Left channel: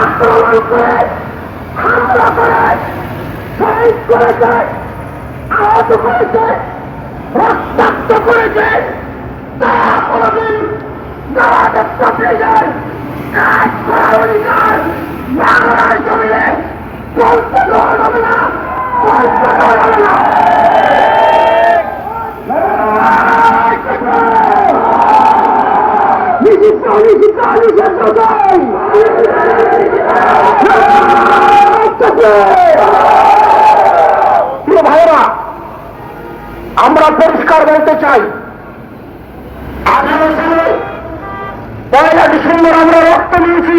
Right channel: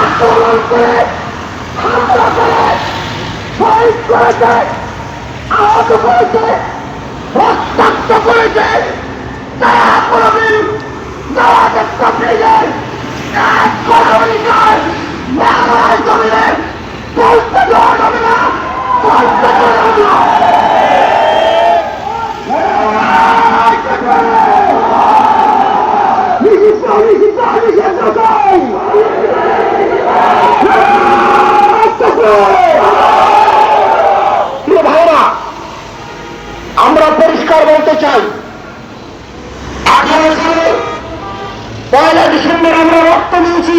আক্রমণ করে হামলা করে শহীদ করেছে আহত করেছে রক্তাক্ত করেছে তারা কোনদিন যারা দেখতে পেয়েছেন এক আমরা পরিষ্কার বলতে চাই। আঠারো সালে পয়লা ডিসেম্বর আমরা রক্ত নিয়েছি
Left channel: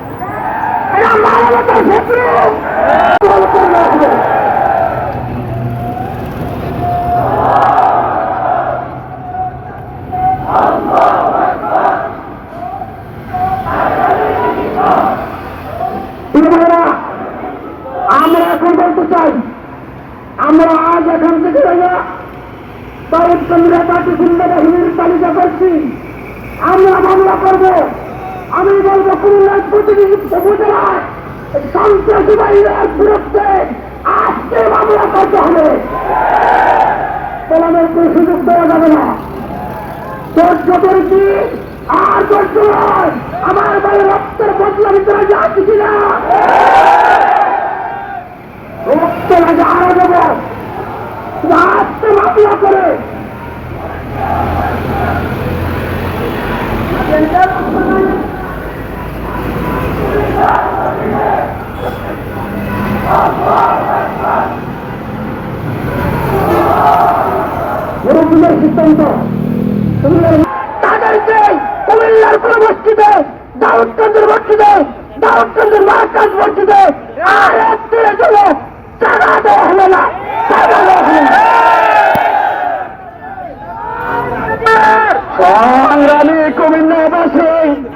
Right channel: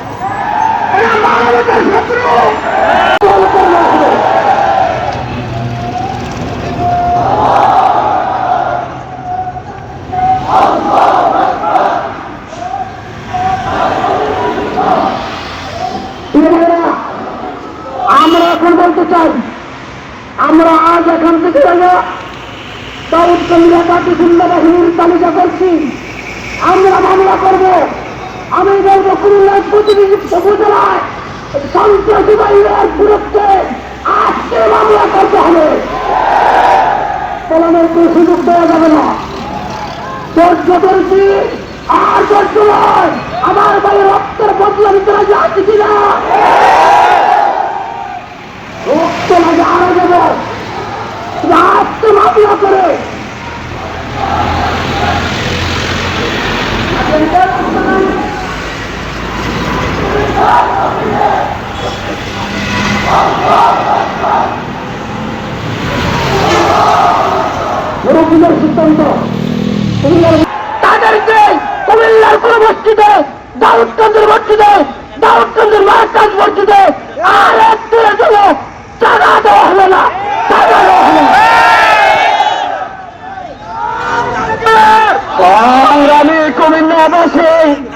আমরা এখন বলতে চাই। আমরা আজ এখান থেকে যাব। দাউদকান্দির একাটি খুলনা বাহিনীর তালিকা করছি? আমরা মামলা করব। আমি বলব কুমিল্লার প্রতিনিধি উপজেলায় সন্ত্রাসী বাহিনীর বিরুদ্ধে আজকে মামলা করতে হবে। পলানোর কোনো সুযোগ দেওয়া যাবে না। ধৈর্য করেছি আর ধৈর্য নয়। আমার বাড়ির রক্তের বদলা ভিতরে যাচ্ছি কিনা রক্ত লাগে আরও দেব মামলা করে। মুরব্বীদের সিদ্ধান্ত। সংগ্রামী কুমিল্লাবাসী।